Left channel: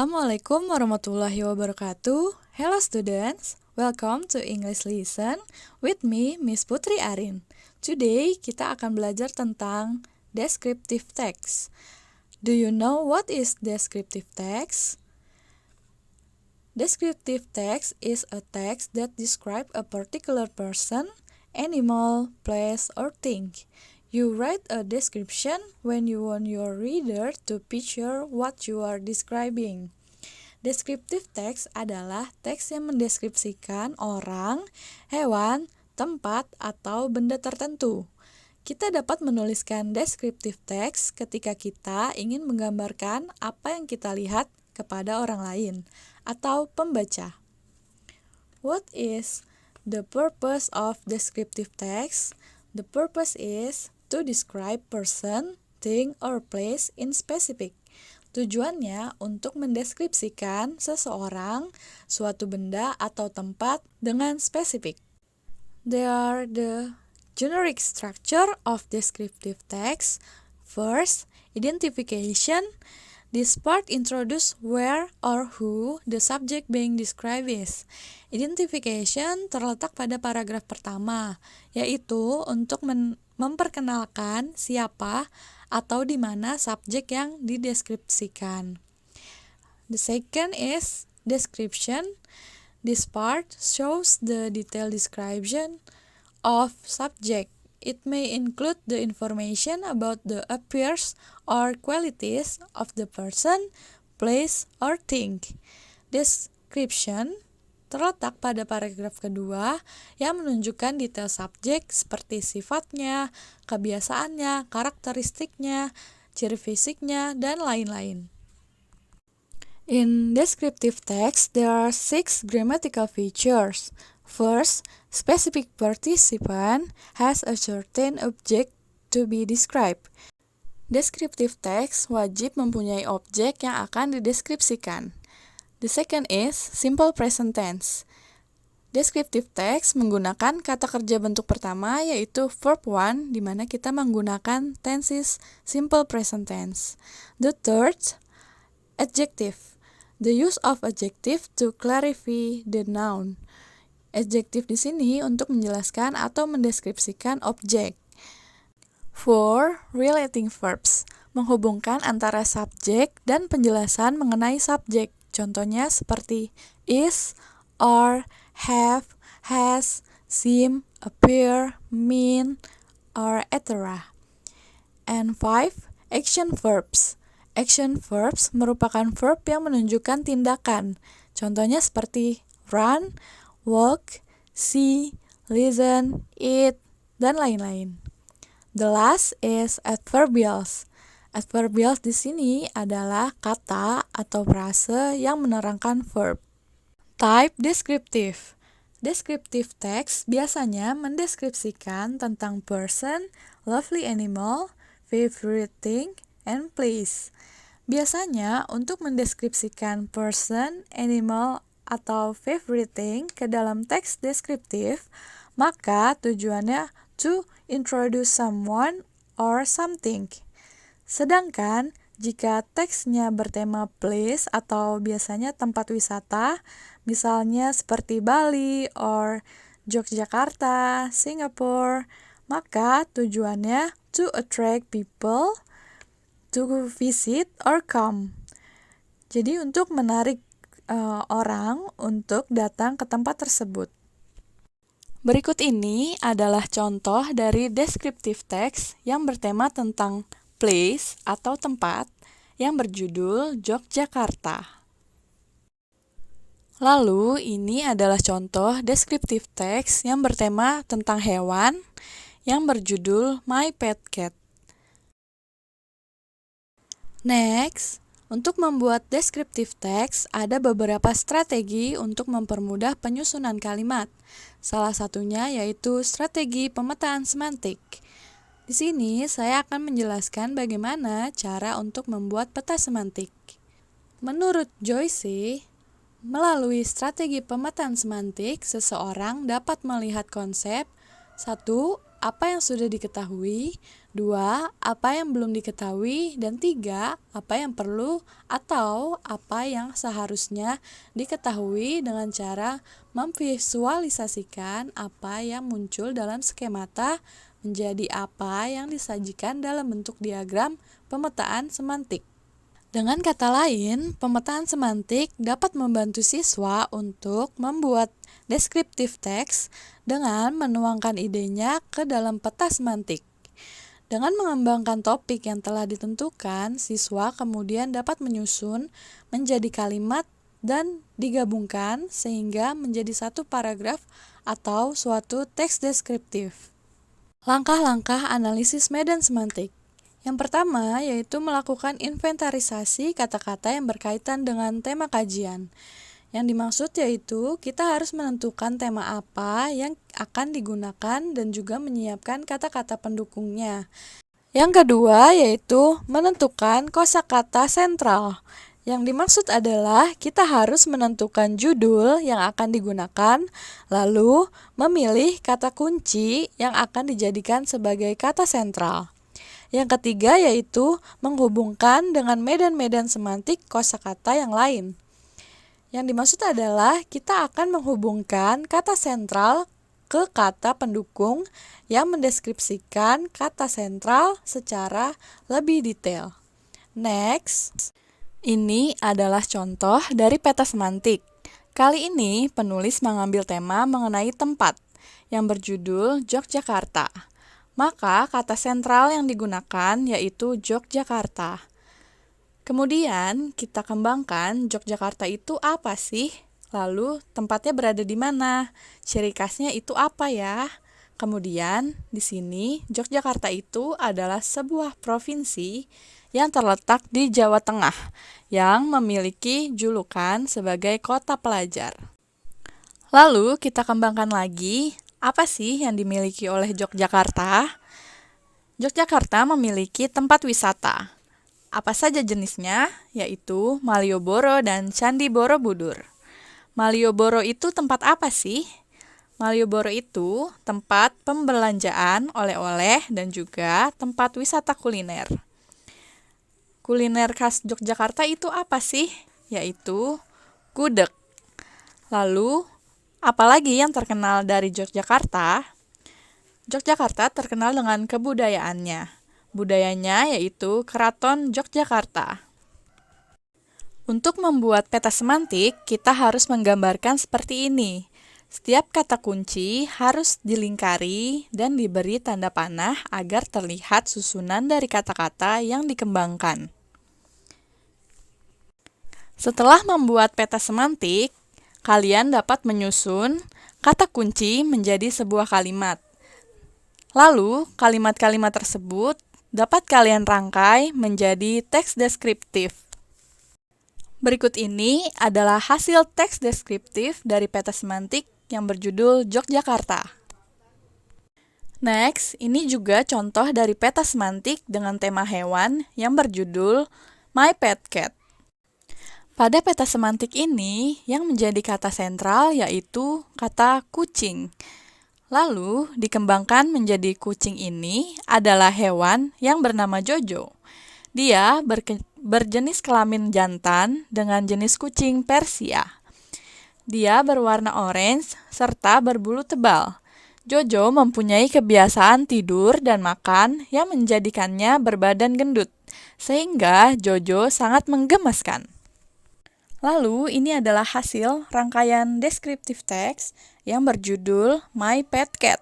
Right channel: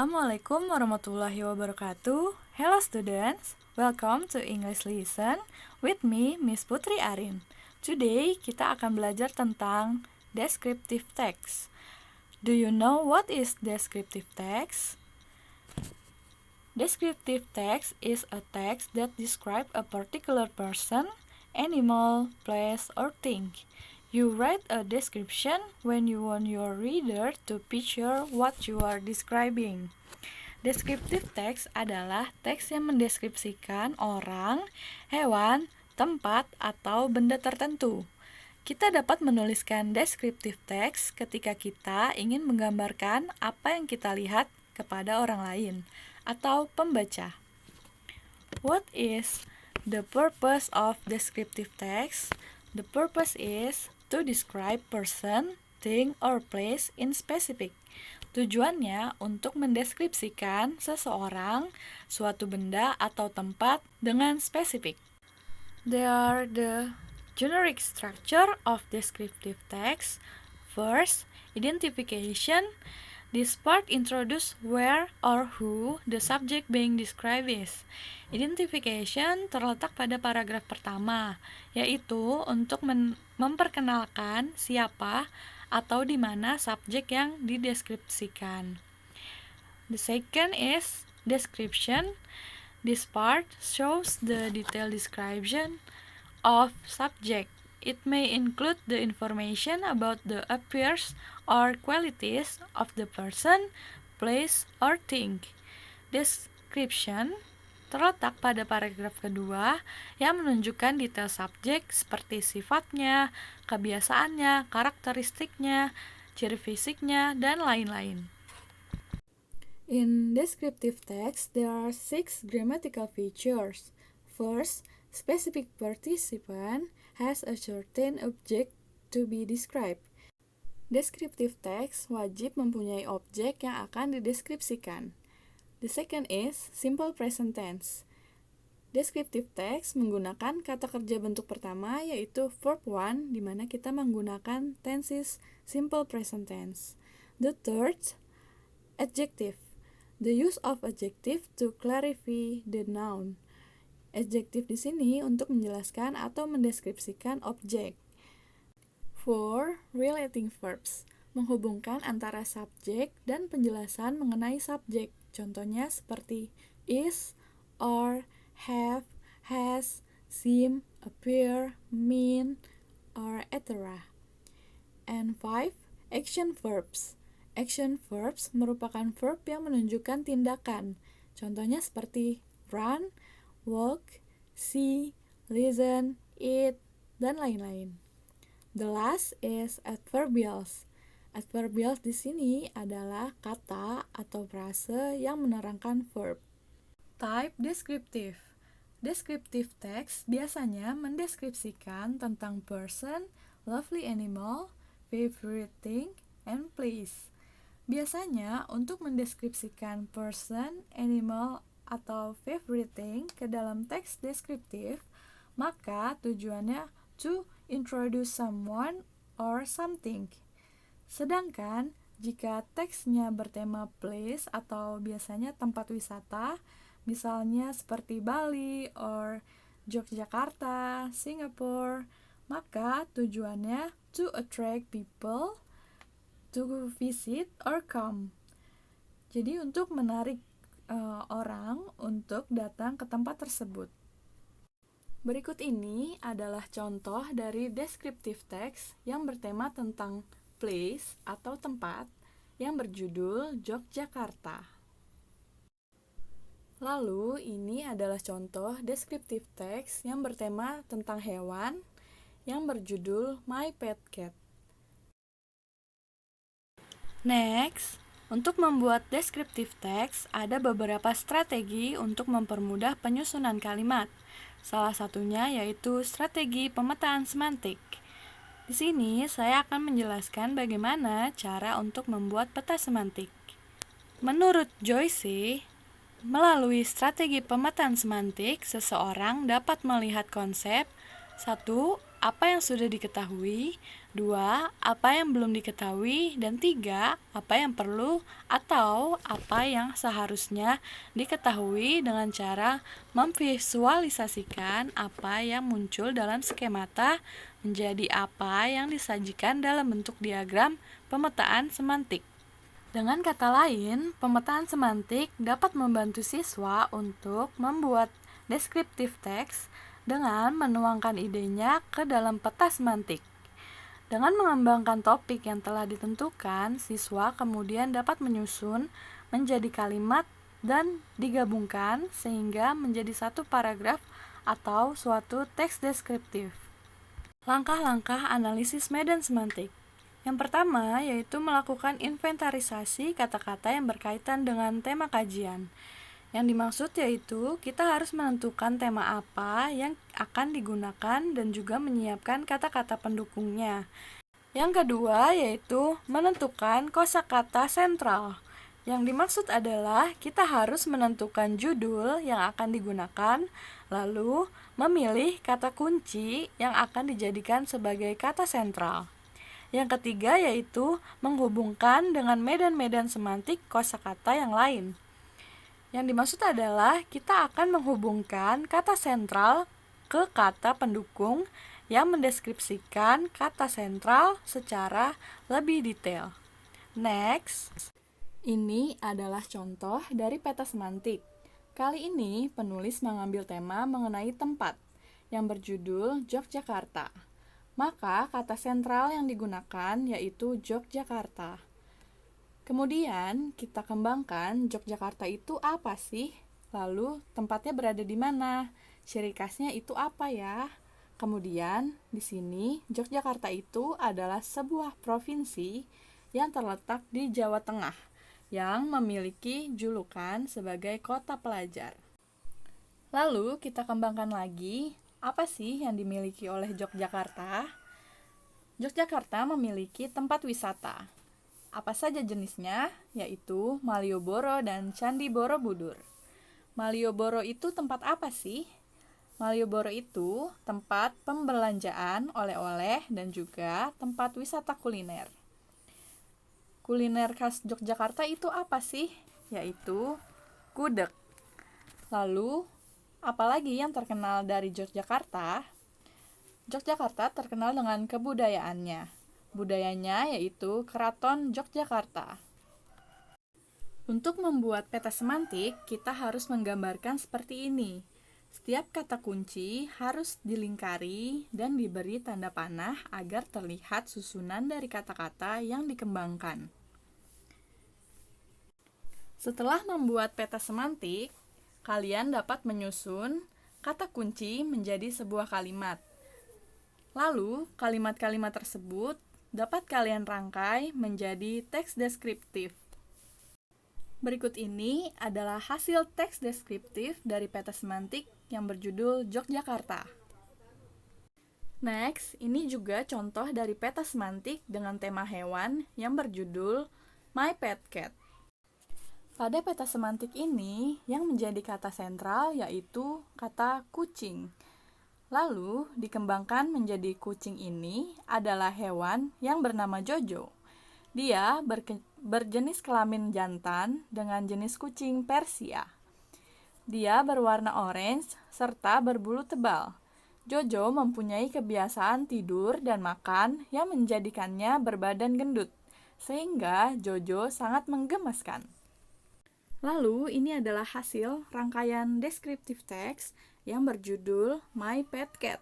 Assalamualaikum warahmatullahi wabarakatuh. Hello students, welcome to English Lesson with me, Miss Putri Arin. Today kita akan belajar tentang descriptive text. Do you know what is descriptive text? Descriptive text is a text that describes a particular person, animal, place, or thing. You write a description when you want your reader to picture what you are describing. Descriptive text adalah teks yang mendeskripsikan orang, hewan, tempat, atau benda tertentu. Kita dapat menuliskan descriptive text ketika kita ingin menggambarkan apa yang kita lihat kepada orang lain atau pembaca. What is the purpose of descriptive text? The purpose is to describe person, thing, or place in specific. Tujuannya untuk mendeskripsikan seseorang, suatu benda, atau tempat dengan spesifik. They are the generic structure of descriptive text. First, identification. This part introduces where or who the subject being described is. Identification terletak pada paragraf pertama, yaitu untuk memperkenalkan siapa atau di mana subjek yang dideskripsikan. The second is description. This part shows the detailed description of subject. It may include the information about the appearance or qualities of the person, place, or thing. Description terletak pada paragraf kedua yang menunjukkan detail subjek seperti sifatnya, kebiasaannya, karakteristiknya, ciri fisiknya, dan lain-lain. In descriptive text, there are 6 grammatical features. First, specific participant has a certain object to be described. Descriptive text wajib mempunyai objek yang akan dideskripsikan. The second is simple present tense. Descriptive text menggunakan kata kerja bentuk pertama yaitu verb 1 di mana kita menggunakan tenses simple present tense. The third, adjective. The use of adjective to clarify the noun. Adjective di sini untuk menjelaskan atau mendeskripsikan objek. 4. Relating verbs. Menghubungkan antara subjek dan penjelasan mengenai subjek. Contohnya seperti is, are, have, has, seem, appear, mean, or etc. And 5. Action verbs. Action verbs merupakan verb yang menunjukkan tindakan. Contohnya seperti run, walk, see, listen, eat, dan lain-lain. The last is adverbials. Adverbials di sini adalah kata atau frase yang menerangkan verb. Type descriptive. Descriptive text biasanya mendeskripsikan tentang person, lovely animal, favorite thing, and place. Biasanya untuk mendeskripsikan person, animal, atau favorite thing ke dalam teks deskriptif, maka tujuannya to introduce someone or something. Sedangkan jika teksnya bertema place atau biasanya tempat wisata, misalnya seperti Bali or Yogyakarta, Singapore, maka tujuannya to attract people to visit or come. Jadi untuk menarik orang untuk datang ke tempat tersebut. Berikut ini adalah contoh dari descriptive text yang bertema tentang place atau tempat yang berjudul Yogyakarta. Lalu ini adalah contoh descriptive text yang bertema tentang hewan yang berjudul My Pet Cat. Next, untuk membuat descriptive text ada beberapa strategi untuk mempermudah penyusunan kalimat. Salah satunya yaitu strategi pemetaan semantik. Di sini saya akan menjelaskan bagaimana cara untuk membuat peta semantik. Menurut Joyce, melalui strategi pemetaan semantik, seseorang dapat melihat konsep 1. Apa yang sudah diketahui, 2. Apa yang belum diketahui, dan 3. Apa yang perlu atau apa yang seharusnya diketahui dengan cara memvisualisasikan apa yang muncul dalam skemata menjadi apa yang disajikan dalam bentuk diagram pemetaan semantik. Dengan kata lain, pemetaan semantik dapat membantu siswa untuk membuat deskriptif teks dengan menuangkan idenya ke dalam peta semantik. Dengan mengembangkan topik yang telah ditentukan, siswa kemudian dapat menyusun menjadi kalimat dan digabungkan sehingga menjadi satu paragraf atau suatu teks deskriptif. Langkah-langkah analisis medan semantik. Yang pertama yaitu melakukan inventarisasi kata-kata yang berkaitan dengan tema kajian. Yang dimaksud yaitu kita harus menentukan tema apa yang akan digunakan dan juga menyiapkan kata-kata pendukungnya. Yang kedua yaitu menentukan kosakata sentral. Yang dimaksud adalah kita harus menentukan judul yang akan digunakan, lalu memilih kata kunci yang akan dijadikan sebagai kata sentral. Yang ketiga yaitu menghubungkan dengan medan-medan semantik kosakata yang lain. Yang dimaksud adalah kita akan menghubungkan kata sentral ke kata pendukung yang mendeskripsikan kata sentral secara lebih detail. Next, ini adalah contoh dari peta semantik. Kali ini penulis mengambil tema mengenai tempat yang berjudul Yogyakarta. Maka kata sentral yang digunakan yaitu Yogyakarta. Kemudian kita kembangkan Yogyakarta itu apa sih? Lalu tempatnya berada di mana? Ciri khasnya itu apa ya? Kemudian di sini Yogyakarta itu adalah sebuah provinsi yang terletak di Jawa Tengah yang memiliki julukan sebagai kota pelajar. Lalu kita kembangkan lagi, apa sih yang dimiliki oleh Yogyakarta? Yogyakarta memiliki tempat wisata. Apa saja jenisnya? Yaitu Malioboro dan Candi Borobudur. Malioboro itu tempat apa sih? Malioboro itu tempat pembelanjaan oleh-oleh dan juga tempat wisata kuliner. Kuliner khas Yogyakarta itu apa sih? Yaitu gudeg. Lalu, apalagi yang terkenal dari Yogyakarta? Yogyakarta terkenal dengan kebudayaannya. Budayanya yaitu Keraton Yogyakarta. Untuk membuat peta semantik, kita harus menggambarkan seperti ini. Setiap kata kunci harus dilingkari dan diberi tanda panah agar terlihat susunan dari kata-kata yang dikembangkan. Setelah membuat peta semantik, kalian dapat menyusun kata kunci menjadi sebuah kalimat. Lalu, kalimat-kalimat tersebut dapat kalian rangkai menjadi teks deskriptif. Berikut ini adalah hasil teks deskriptif dari peta semantik yang berjudul Yogyakarta. Next, ini juga contoh dari peta semantik dengan tema hewan yang berjudul My Pet Cat. Pada peta semantik ini, yang menjadi kata sentral yaitu kata kucing. Lalu, dikembangkan menjadi kucing ini adalah hewan yang bernama Jojo. Dia berjenis kelamin jantan dengan jenis kucing Persia. Dia berwarna orange serta berbulu tebal. Jojo mempunyai kebiasaan tidur dan makan yang menjadikannya berbadan gendut, sehingga Jojo sangat menggemaskan. Lalu, ini adalah hasil rangkaian deskriptif teks yang berjudul My Pet Cat.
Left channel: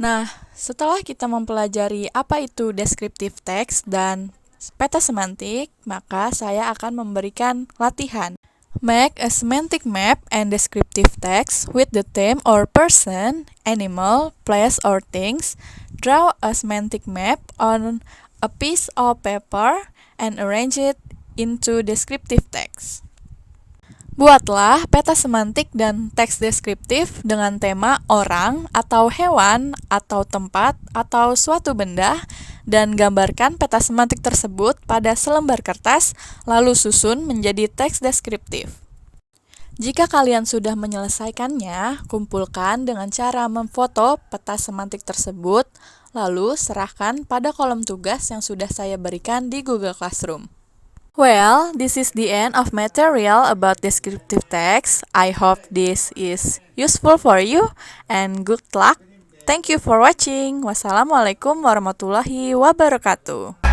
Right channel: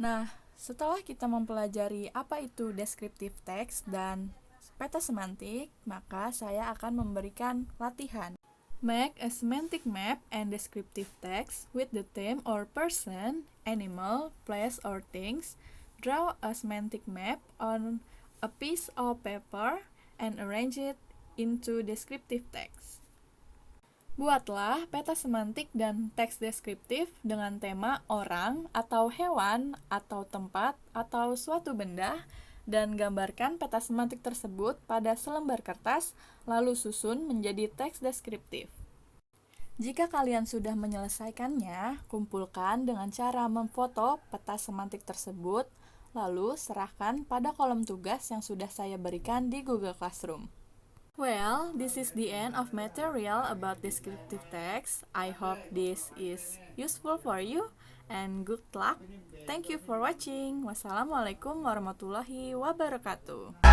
Nah, setelah kita mempelajari apa itu deskriptif teks dan peta semantik, maka saya akan memberikan latihan. Make a semantic map and descriptive text with the theme or person, animal, place, or things. Draw a semantic map on a piece of paper and arrange it into descriptive text. Buatlah peta semantik dan teks deskriptif dengan tema orang atau hewan atau tempat atau suatu benda dan gambarkan peta semantik tersebut pada selembar kertas lalu susun menjadi teks deskriptif. Jika kalian sudah menyelesaikannya, kumpulkan dengan cara memfoto peta semantik tersebut lalu serahkan pada kolom tugas yang sudah saya berikan di Google Classroom. Well, this is the end of material about descriptive text. I hope this is useful for you and good luck. Thank you for watching. Wassalamualaikum warahmatullahi wabarakatuh.